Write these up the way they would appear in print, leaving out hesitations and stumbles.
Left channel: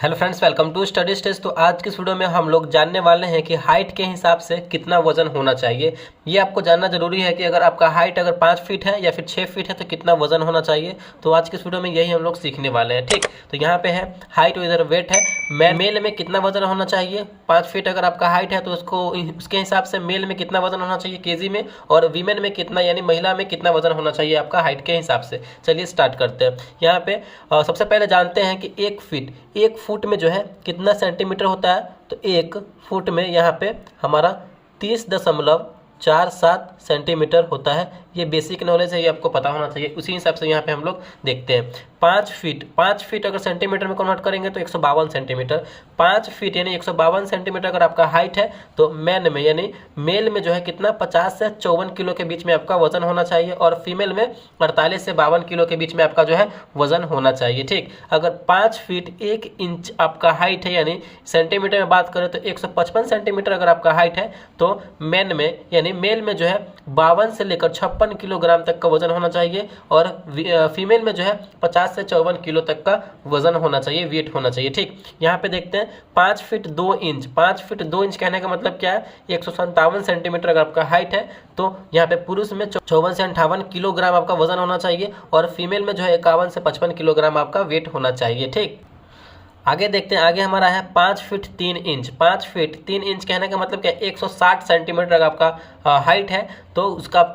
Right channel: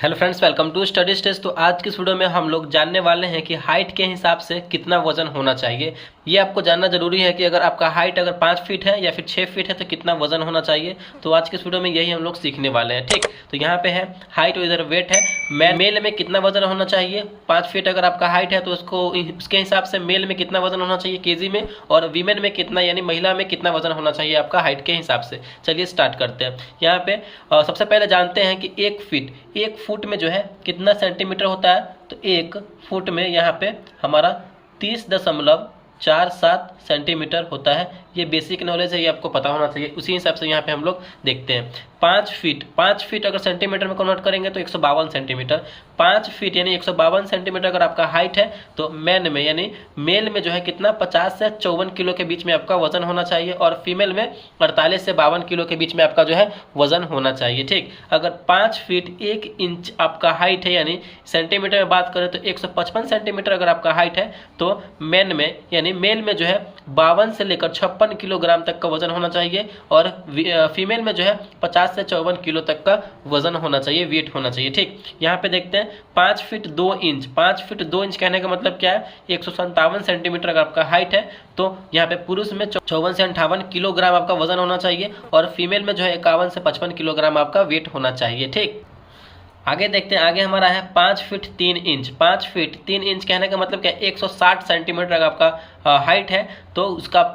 Hello friends, welcome to study stage. तो आज की इस वीडियो में हम लोग जानने वाले हैं कि हाइट के हिसाब से कितना वजन होना चाहिए। ये आपको जानना जरूरी है कि अगर आपका हाइट अगर 5 फीट है या फिर 6 फीट है तो कितना वजन होना चाहिए। तो आज की इस वीडियो में यही हम लोग सीखने वाले हैं। ठीक, तो यहाँ पे है हाइट और इधर वेट है। मेल में कितना वजन होना चाहिए, 5 फीट अगर आपका हाइट है तो उसके हिसाब से मेल में कितना वजन होना चाहिए केजी में, और वीमेन में कितना यानी महिला में कितना वजन होना चाहिए आपका हाइट के हिसाब से। चलिए स्टार्ट करते हैं। यहाँ पे सबसे पहले जानते हैं कि 1 फुट में जो है कितना सेंटीमीटर होता है। तो 1 फुट में यहाँ पे हमारा 30.47 सेंटीमीटर होता है। ये बेसिक नॉलेज है, ये आपको पता होना चाहिए। उसी हिसाब से यहाँ पे हम लोग देखते हैं 5 फीट अगर सेंटीमीटर में कन्वर्ट करेंगे तो 152 सेंटीमीटर। 5 फीट यानी 152 सेंटीमीटर अगर आपका हाइट है तो मैन में यानी मेल में जो है कितना 50 से 54 किलो के बीच में आपका वजन होना चाहिए, और फीमेल में 48 से 52 किलो के बीच में आपका जो है वजन होना चाहिए। ठीक, अगर 5 फीट 1 इंच आपका हाइट है यानी सेंटीमीटर में बात करें तो 155 सेंटीमीटर अगर आपका हाइट है तो मैन में यानी मेल में जो है 52 से लेकर 56 किलोग्राम तक का वजन होना चाहिए, और फीमेल में जो है 50 से 54 किलो तक का वजन होना चाहिए, वेट होना चाहिए। ठीक, यहाँ पे देखते हैं 5 फीट 2 इंच। 5 फीट 2 इंच कहने का मतलब क्या है, 157 सेंटीमीटर अगर आपका हाइट है तो यहाँ पे पुरुष में 54 से 58 किलोग्राम आपका वजन होना चाहिए, और फीमेल में जो है 51 से 55 किलोग्राम आपका वेट होना चाहिए। ठीक, आगे देखते हैं। आगे हमारा है 5 फीट 3 इंच। 5 फीट 3 इंच कहने का मतलब क्या है, 160 सेंटीमीटर अगर आपका हाइट है तो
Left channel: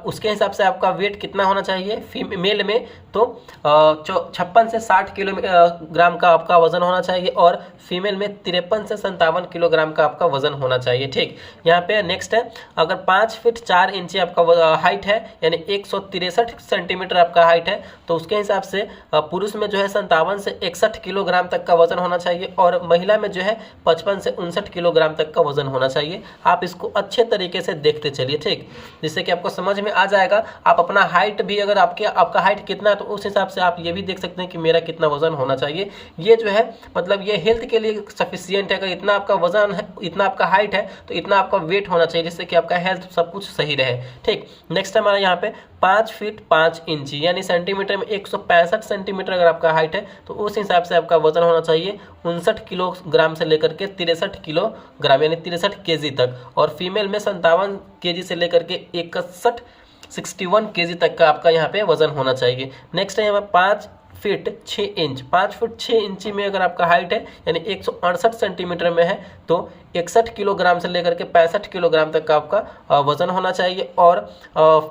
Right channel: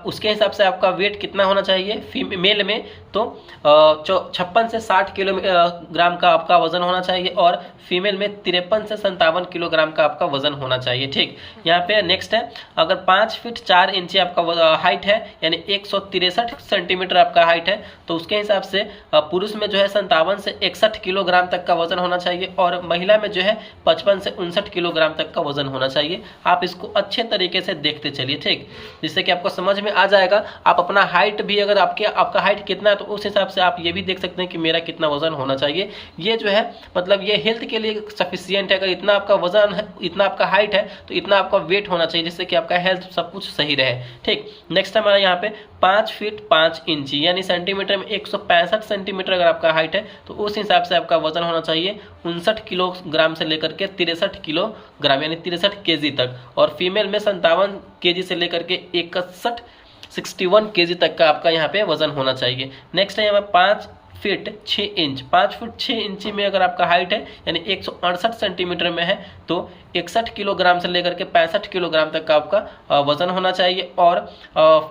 उसके हिसाब से आपका वेट कितना होना चाहिए फीमेल में, तो 56 से 60 किलोग्राम का आपका वजन होना चाहिए, और फीमेल में 53 से 57 किलोग्राम का आपका वजन होना चाहिए। ठीक, यहाँ पे नेक्स्ट है, अगर 5 फीट 4 इंच आपका हाइट है यानी 163 सेंटीमीटर आपका हाइट है तो उसके हिसाब से पुरुष में जो है 57 से 61 किलोग्राम तक का वजन होना चाहिए, और महिला में जो है 55 से 59 किलोग्राम तक का वजन होना चाहिए। आप इसको अच्छे तरीके से देखते चलिए। ठीक, जिससे कि आपको समझ में आ जाएगा। आप अपना हाइट भी अगर आपका हाइट कितना है तो उस हिसाब से आप ये भी देख सकते हैं कि मेरा कितना वजन होना चाहिए। ये जो है मतलब ये हेल्थ के लिए सफिशियंट है। अगर इतना आपका वजन है, इतना आपका हाइट है तो इतना आपका वेट होना चाहिए, जिससे कि आपका हेल्थ सब कुछ सही रहे। ठीक, नेक्स्ट हमारा यहाँ पे 5 फीट 5 इंच यानी सेंटीमीटर में 165 सेंटीमीटर अगर आपका हाइट है तो उस हिसाब से आपका वजन होना चाहिए 59 किलोग्राम से लेकर के 63 किलोग्राम यानी 63 केजी तक, और फीमेल में 57 केजी से लेकर के 61 केजी तक का आपका यहाँ पे वजन होना चाहिए। नेक्स्ट है यहाँ 5 फीट 6 इंच। 5 फुट 6 इंची में अगर आपका हाइट है यानी 168 सेंटीमीटर में है तो 61 किलोग्राम से लेकर के 65 किलोग्राम तक का आपका वजन होना चाहिए, और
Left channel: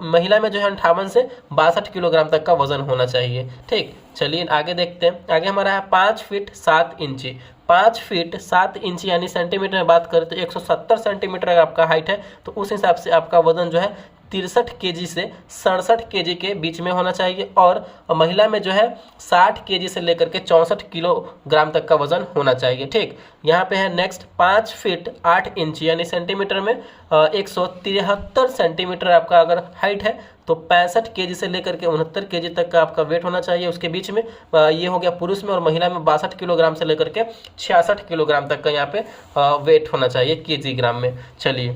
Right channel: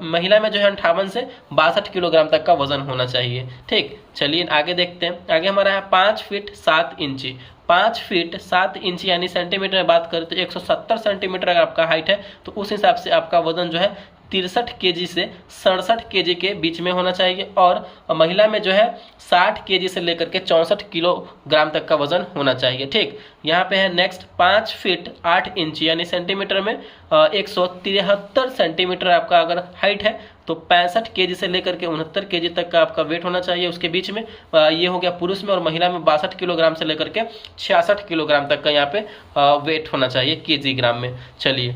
महिला में जो है 58 से 62 किलोग्राम तक का वजन होना चाहिए। ठीक, चलिए आगे देखते हैं। आगे हमारा है 5 फीट 7 इंची। 5 फीट 7 इंच यानी सेंटीमीटर में बात करें तो 170 सेंटीमीटर अगर आपका हाइट है तो उस हिसाब से आपका वजन जो है 63 केजी से 67 केजी के बीच में होना चाहिए, और महिला में जो है 60 केजी से लेकर के 64 किलोग्राम तक का वजन होना चाहिए। ठीक, यहाँ पे है नेक्स्ट 5 फीट 8 इंच यानी सेंटीमीटर में 173 सेंटीमीटर आपका अगर हाइट है तो 65 केजी से लेकर के 69 केजी तक का आपका वेट होना चाहिए। उसके बीच में ये हो गया पुरुष में, और महिला में 62 किलोग्राम से लेकर के 66 किलोग्राम तक का यहाँ पे वेट होना चाहिए केजी ग्राम में। चलिए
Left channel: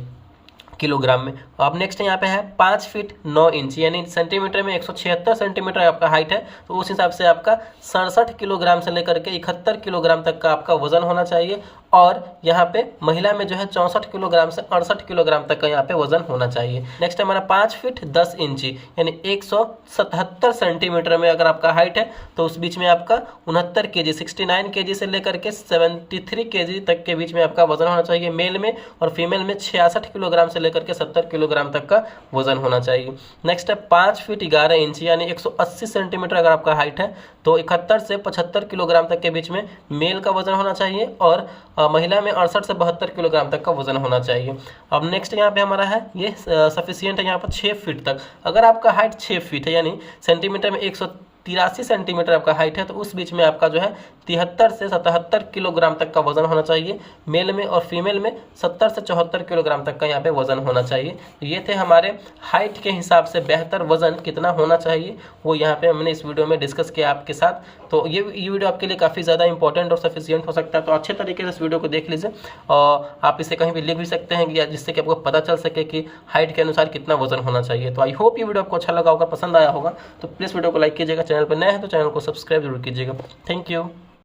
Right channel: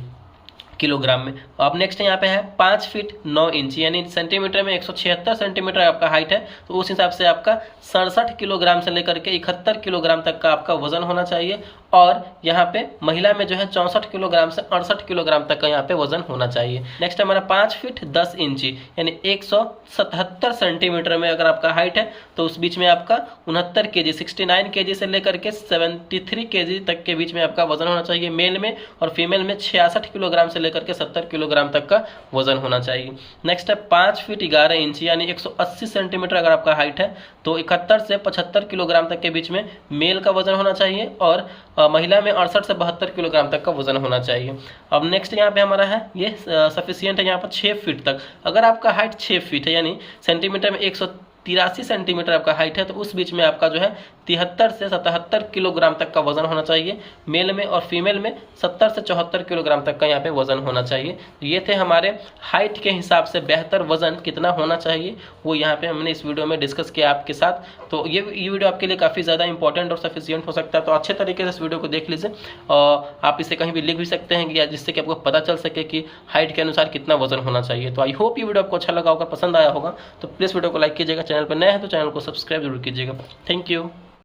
किलोग्राम में। अब नेक्स्ट यहाँ पे है 5 फीट 9 इंच यानी सेंटीमीटर में 176 सेंटीमीटर आपका हाइट है तो उस हिसाब से आपका 67 किलोग्राम से लेकर के 71 किलोग्राम तक का आपका वजन होना चाहिए, और यहाँ पे महिला में जो है 64 किलोग्राम से 68 किलोग्राम तक का यहाँ पे वजन होना चाहिए। नेक्स्ट हमारा 5 फीट 10 इंची यानी 177 सेंटीमीटर में अगर आपका हाइट है तो उस बीच में आपका 69 केजी 69 केजी से लेकर के 73 केजी तक के बीच में आपका वजन होना चाहिए मेल में, और फीमेल में 66 किलोग्राम से लेकर के 70 किलोग्राम तक का वजन होना चाहिए। नेक्स्ट है 5 फीट 11 इंच यानी 180 सेंटीमीटर अगर आपका हाइट है तो 71 से 75 किलोग्राम तक के बीच में मेल का वजन होना चाहिए, और महिला में 68 से 72 किलोग्राम तक का वजन होना चाहिए। अब नेक्स्ट यहाँ पे हमारा है ये सफिशियंट है यहाँ पर 6 फीट तक। अगर आपका हाइट 6 फीट है यानी सेंटीमीटर में 183 सेंटीमीटर आपका हाइट है तो उस बीच में आपका जो है 73 से 77 किलोग्राम तक का वजन होना चाहिए मेल में, और फीमेल में 70 से 74 किलोग्राम तक का यहाँ पे वजन होना चाहिए। ये थे हमारे हाइट के हिसाब से बेहतर वजन कितना होना चाहिए, वो यहाँ पे हमने इस वीडियो में डिस्कस किया आपके साथ। तो ये वीडियो आपके लिए काफ़ी ज़्यादा इंपॉर्टेंट और सफिशियंट हो सकता है, तो अच्छे तरीके से इस वीडियो को देख लीजिए, और आप इसे कहीं भी लिख भी सकते हैं या जिससे कि आपको पता चल सके कि हाइट के अनुसार कितना वजन होना चाहिए। तो आई होप ये वीडियो आपको अच्छा लगा होगा, पसंद आया होगा, तो प्लीज़ वीडियो को लाइक कीजिएगा। चैनल पर नए हैं तो चैनल को सब्सक्राइब जरूर कीजिएगा। Thank you.